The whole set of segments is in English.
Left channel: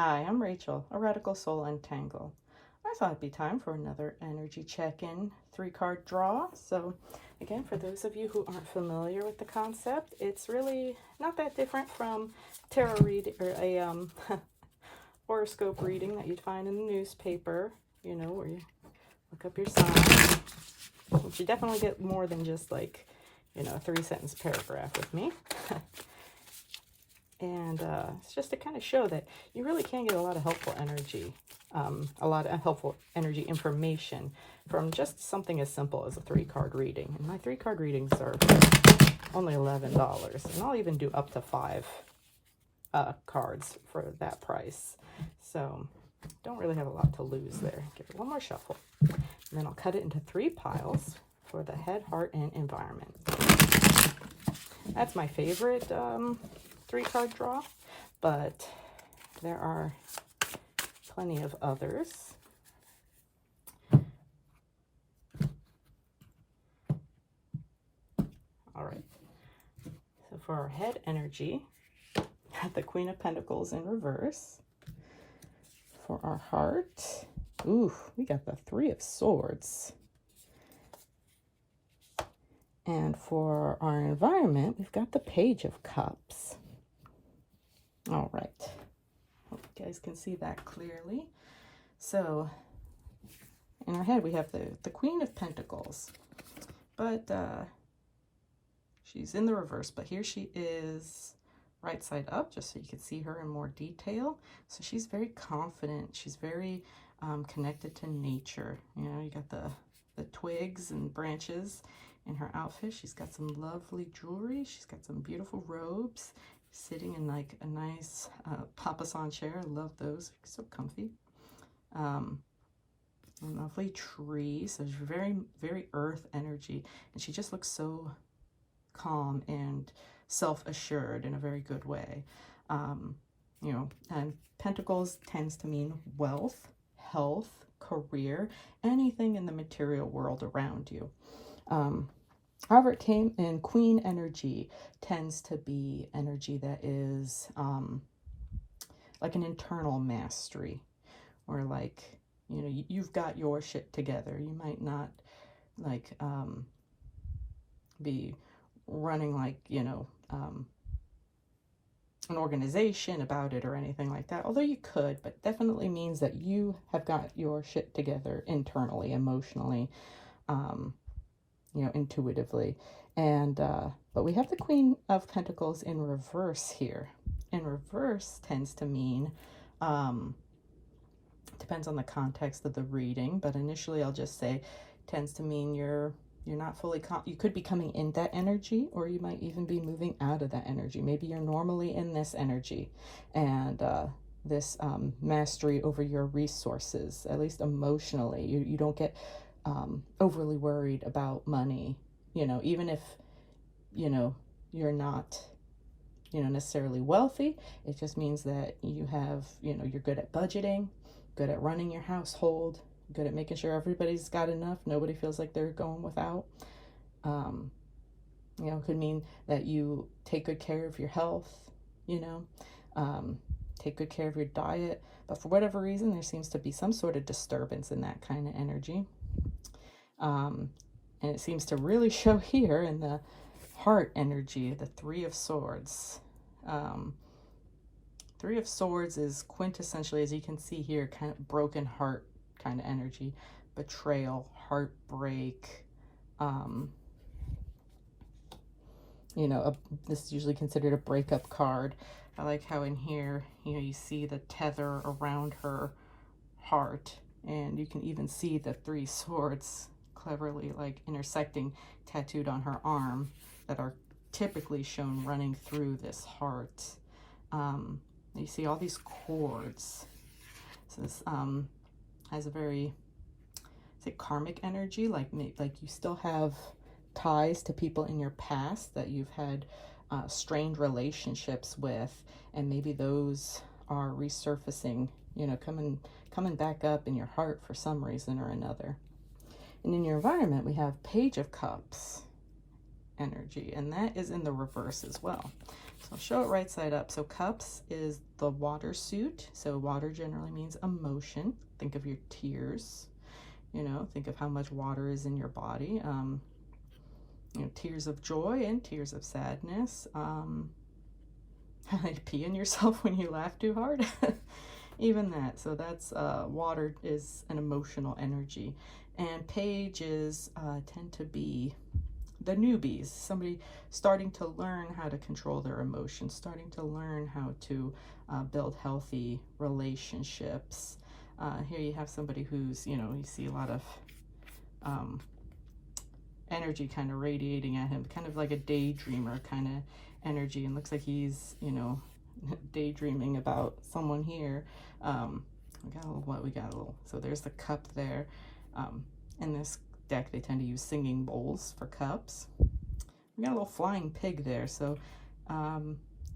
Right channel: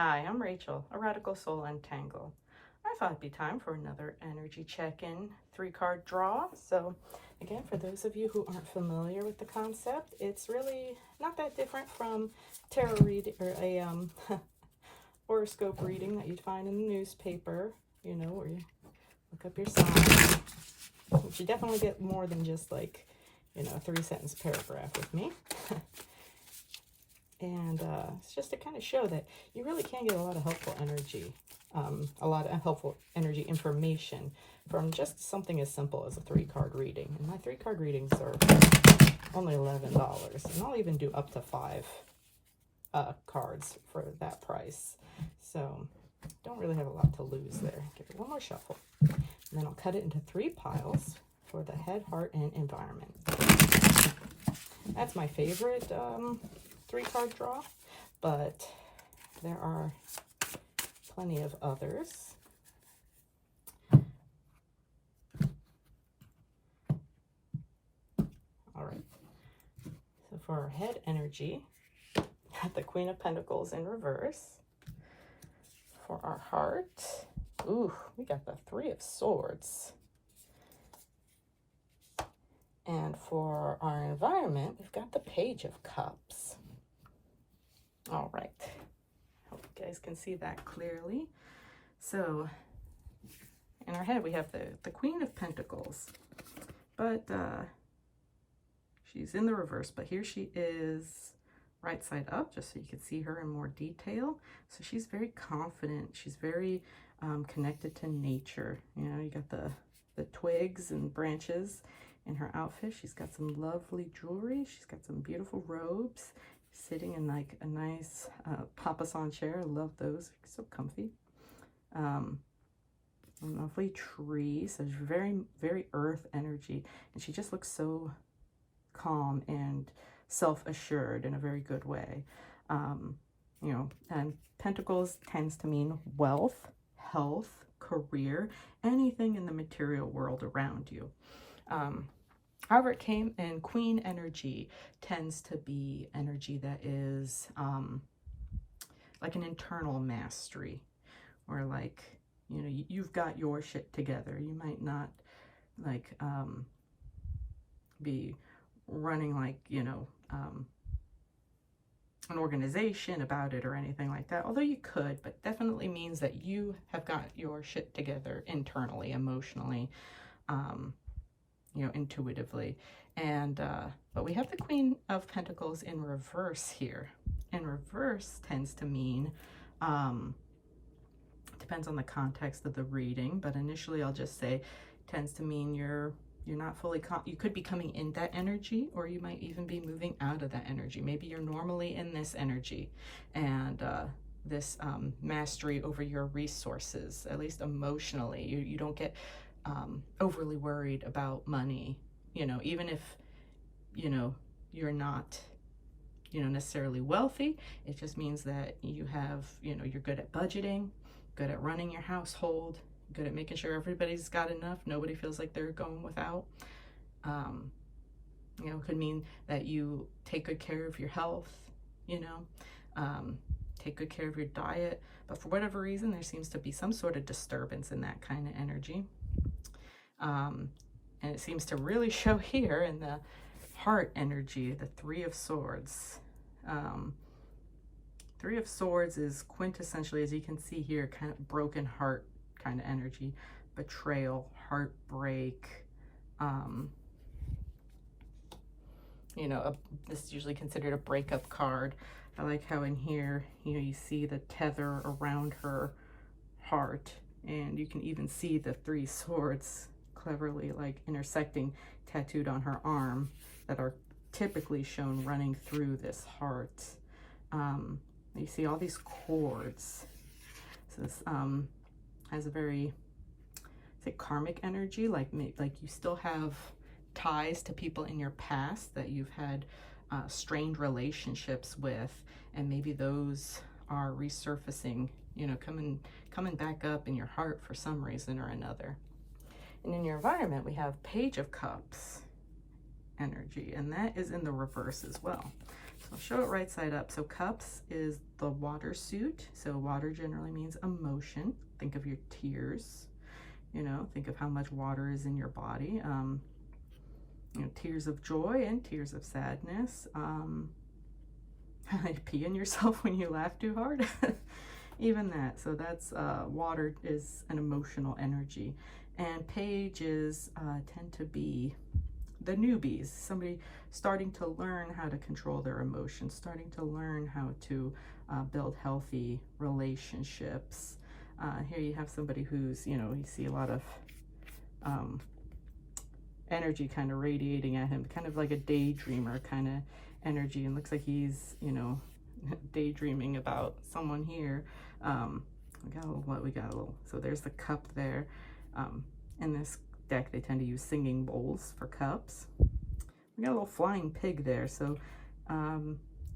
Hi, I'm Rachel, a Radical Soul Untangle. I thought it'd be time for another energy check-in 3-card draw. So again, for those of you who aren't familiar with the concept, it's really not that different from tarot reading or a horoscope reading that you'd find in the newspaper, you know, where you look up your sign. But you definitely get more than just like, you know, a 3-sentence paragraph with me. And it's just to kind of show that you really can get a lot of helpful energy, a lot of helpful energy information from just something as simple as a 3-card reading. And my 3-card readings are only $11, and I'll even do up to 5 cards for that price. So don't really have a lot to lose there. Give it one more shuffle, and then I'll cut it into 3 piles for the head, heart, and environment. That's my favorite 3-card draw, but there are plenty of others. All right, so for our head energy, the Queen of Pentacles in reverse. For our heart, ooh, we got the 3 of Swords. And for our environment, we've got the Page of Cups. All right, hope you guys can see that clearly. So in our head, we have the Queen of Pentacles, but she's in the reverse, but here she is right side up, just so you can see her in more detail. So she's very confident. She's very connected to nature. You know, you got the twigs and branches in her outfit. She's got some lovely jewelry. She's got some beautiful robes, sitting in like a nice papasan chair. I love those, so comfy. A lovely tree. So she's very, very earth energy, and she just looks so calm and self-assured in a very good way. You know, and Pentacles tends to mean wealth, health, career, anything in the material world around you. However, it came in Queen energy, tends to be energy that is like an internal mastery, or like, you know, you've got your shit together. You might not like be running like, you know, an organization about it or anything like that, although you could, but definitely means that you have got your shit together internally, emotionally, you know, intuitively. And but we have the Queen of Pentacles in reverse here. In reverse tends to mean, depends on the context of the reading, but initially I'll just say tends to mean you're not fully, you could be coming in that energy, or you might even be moving out of that energy. Maybe you're normally in this energy, and this mastery over your resources, at least emotionally. You don't get overly worried about money, you know, even if, you know, you're not, you know, necessarily wealthy. It just means that you have, you know, you're good at budgeting, good at running your household, good at making sure everybody's got enough, nobody feels like they're going without. You know, could mean that you take good care of your health, you know, take good care of your diet, but for whatever reason, there seems to be some sort of disturbance in that kind of energy. And it seems to really show here in the heart energy, the 3 of Swords. 3 of Swords is quintessentially, as you can see here, kind of broken heart kind of energy, betrayal, heartbreak. You know, this is usually considered a breakup card. I like how in here, you know, you see the tether around her heart, and you can even see the 3 swords cleverly like intersecting, tattooed on her arm, that are typically shown running through this heart. You see all these cords. So this has a very, say, karmic energy, like you still have ties to people in your past that you've had strained relationships with, and maybe those are resurfacing, you know, coming back up in your heart for some reason or another. And in your environment, we have Page of Cups energy, and that is in the reverse as well. So I'll show it right side up. So cups is the water suit. So water generally means emotion. Think of your tears, you know, think of how much water is in your body. You know, tears of joy and tears of sadness. Peeing yourself when you laugh too hard. Even that. So that's water is an emotional energy. And pages tend to be the newbies, somebody starting to learn how to control their emotions, starting to learn how to build healthy relationships. Here you have somebody who's, you know, you see a lot of energy kind of radiating at him, kind of like a daydreamer kind of energy, and looks like he's, you know, daydreaming about someone here. We got a little, what we got a little, so there's the cup there. In this deck they tend to use singing bowls for cups. We got a little flying pig there, so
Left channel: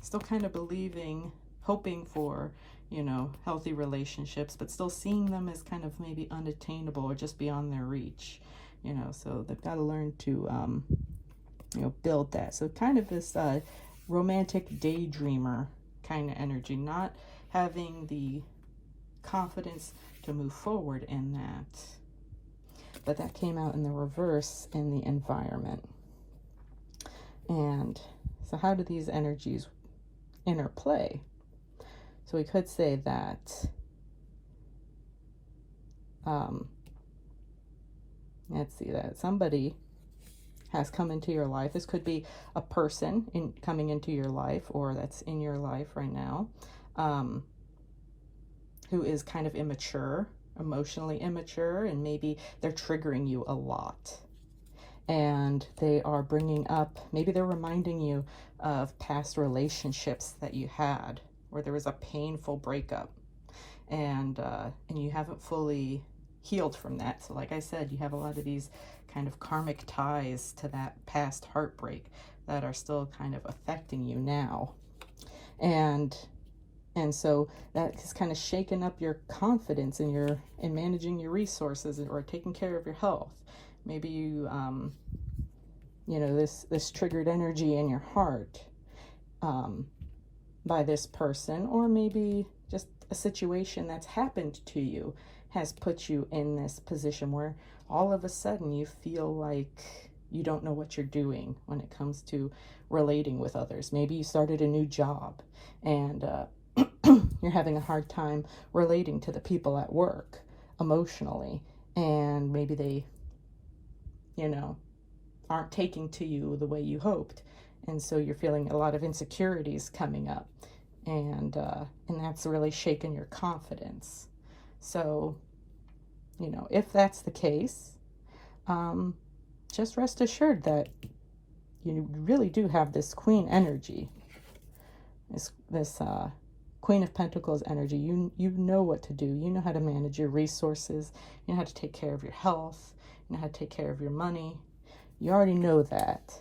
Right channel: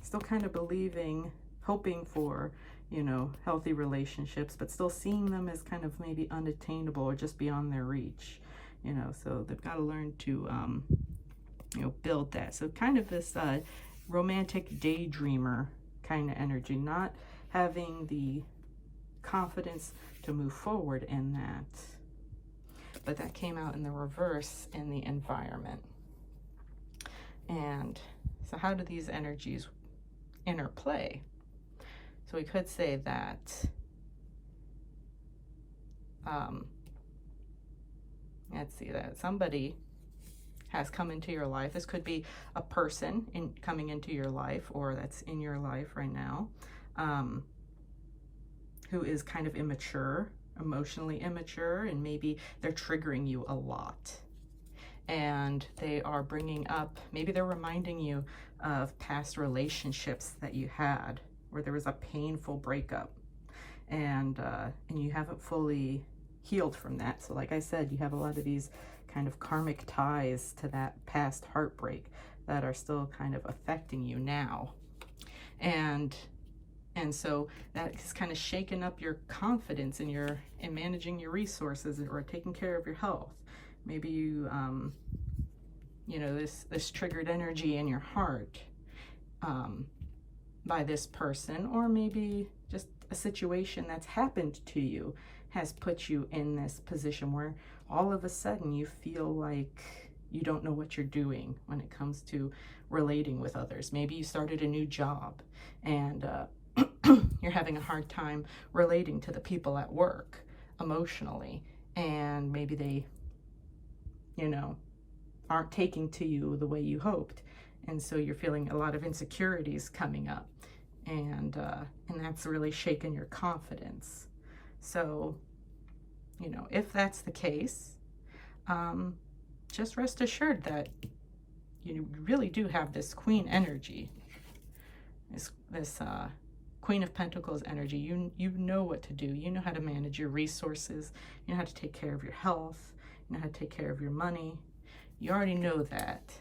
still kind of believing, hoping for, you know, healthy relationships, but still seeing them as kind of maybe unattainable or just beyond their reach, you know. So they've got to learn to you know, build that. So kind of this romantic daydreamer kind of energy, not having the confidence to move forward in that. But that came out in the reverse in the environment. And so how do these energies interplay? So we could say that let's see, that somebody has come into your life. This could be a person coming into your life, or that's in your life right now, who is kind of immature, emotionally immature, and maybe they're triggering you a lot. And they are bringing up, maybe they're reminding you of past relationships that you had, where there was a painful breakup, and you haven't fully healed from that. So like I said, you have a lot of these kind of karmic ties to that past heartbreak that are still kind of affecting you now. And so that has kind of shaken up your confidence in managing your resources or taking care of your health. Maybe you, you know, this triggered energy in your heart by this person, or maybe just a situation that's happened to you has put you in this position where all of a sudden you feel like you don't know what you're doing when it comes to relating with others. Maybe you started a new job and you're having a hard time relating to the people at work emotionally, and maybe they, you know, aren't taking to you the way you hoped, and so you're feeling a lot of insecurities coming up, and that's really shaken your confidence. So, you know, if that's the case, just rest assured that you really do have this queen energy, this Queen of Pentacles energy. You know what to do. You know how to manage your resources. You know how to take care of your health. You know how to take care of your money. You already know that.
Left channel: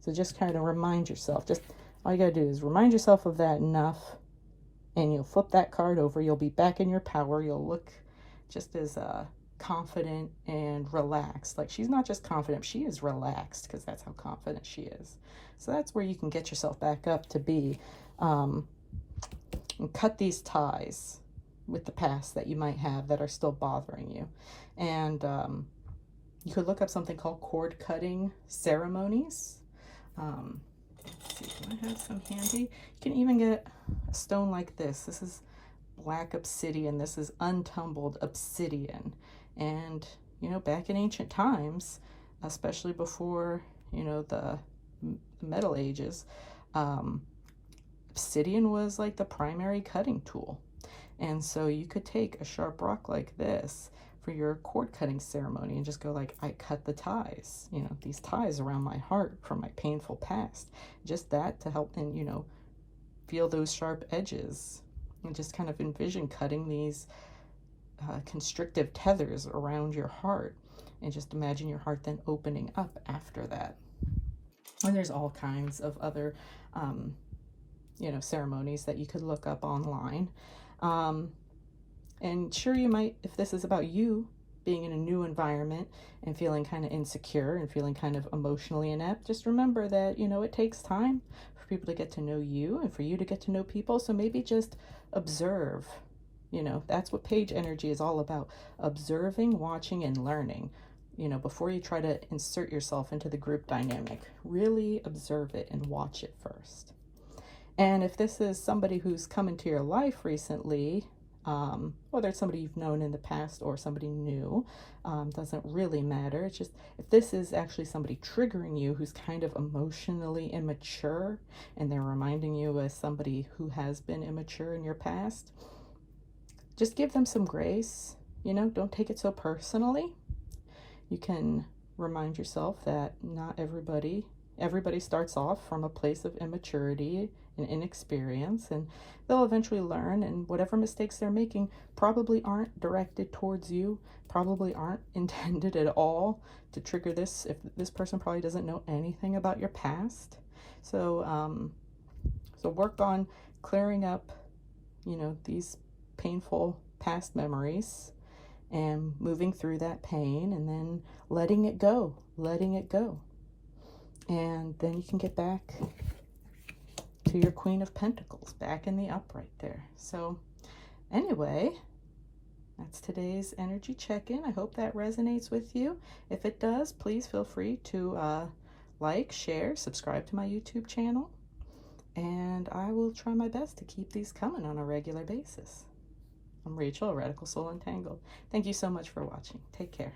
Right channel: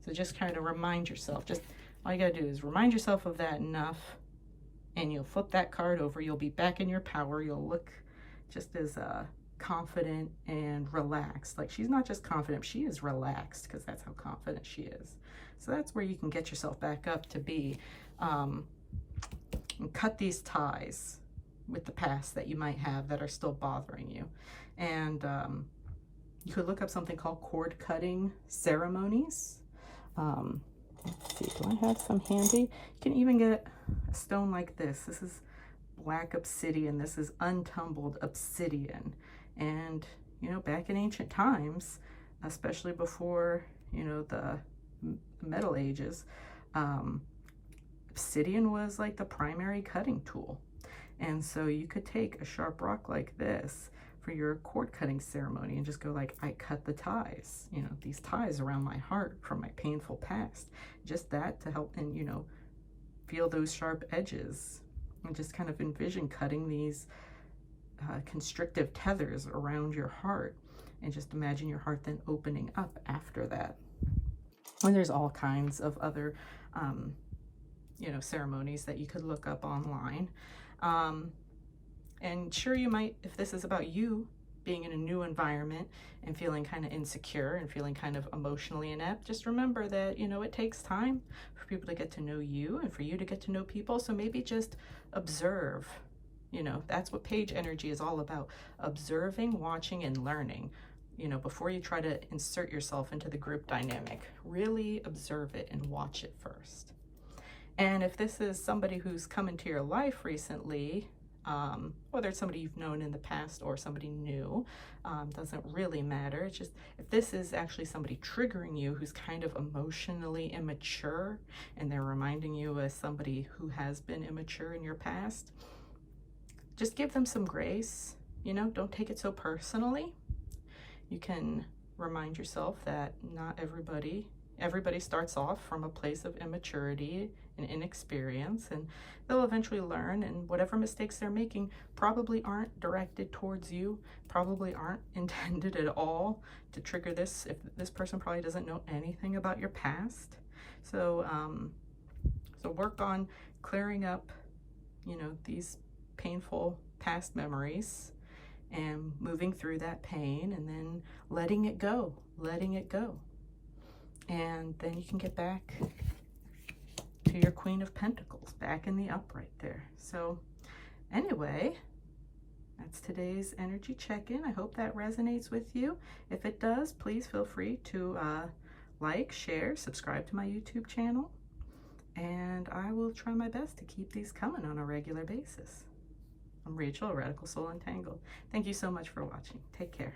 So just kind of remind yourself. Just all you got to do is remind yourself of that enough, and you'll flip that card over. You'll be back in your power. You'll look just as confident and relaxed. Like, she's not just confident, she is relaxed, because that's how confident she is. So that's where you can get yourself back up to be, and cut these ties with the past that you might have that are still bothering you. And you could look up something called cord cutting ceremonies. Let's see, do I have some handy? You can even get a stone like this. This is black obsidian. This is untumbled obsidian. And, you know, back in ancient times, especially before, you know, the Middle Ages, obsidian was like the primary cutting tool. And so you could take a sharp rock like this for your cord cutting ceremony and just go like, I cut the ties, you know, these ties around my heart from my painful past. Just that to help, and, you know, feel those sharp edges, and just kind of envision cutting these constrictive tethers around your heart, and just imagine your heart then opening up after that. And there's all kinds of other you know, ceremonies that you could look up online. And sure, you might, if this is about you being in a new environment and feeling kind of insecure and feeling kind of emotionally inept, just remember that, you know, it takes time for people to get to know you and for you to get to know people. So maybe just observe. You know, that's what page energy is all about. Observing, watching, and learning. You know, before you try to insert yourself into the group dynamic, really observe it and watch it first. And if this is somebody who's come into your life recently, whether it's somebody you've known in the past or somebody new, doesn't really matter. It's just if this is actually somebody triggering you who's kind of emotionally immature and they're reminding you as somebody who has been immature in your past, just give them some grace. You know, don't take it so personally. You can remind yourself that not everybody starts off from a place of immaturity and inexperience, and they'll eventually learn, and whatever mistakes they're making probably aren't directed towards you, probably aren't intended at all to trigger this. If this person probably doesn't know anything about your past. So so work on clearing up, you know, these painful past memories and moving through that pain, and then letting it go. And then you can get back to your Queen of Pentacles, back in the upright there. So anyway, that's today's energy check-in. I hope that resonates with you. If it does, please feel free to like, share, subscribe to my YouTube channel, and I will try my best to keep these coming on a regular basis. I'm Rachel, Radical Soul Entangled. Thank you so much for watching. Take care.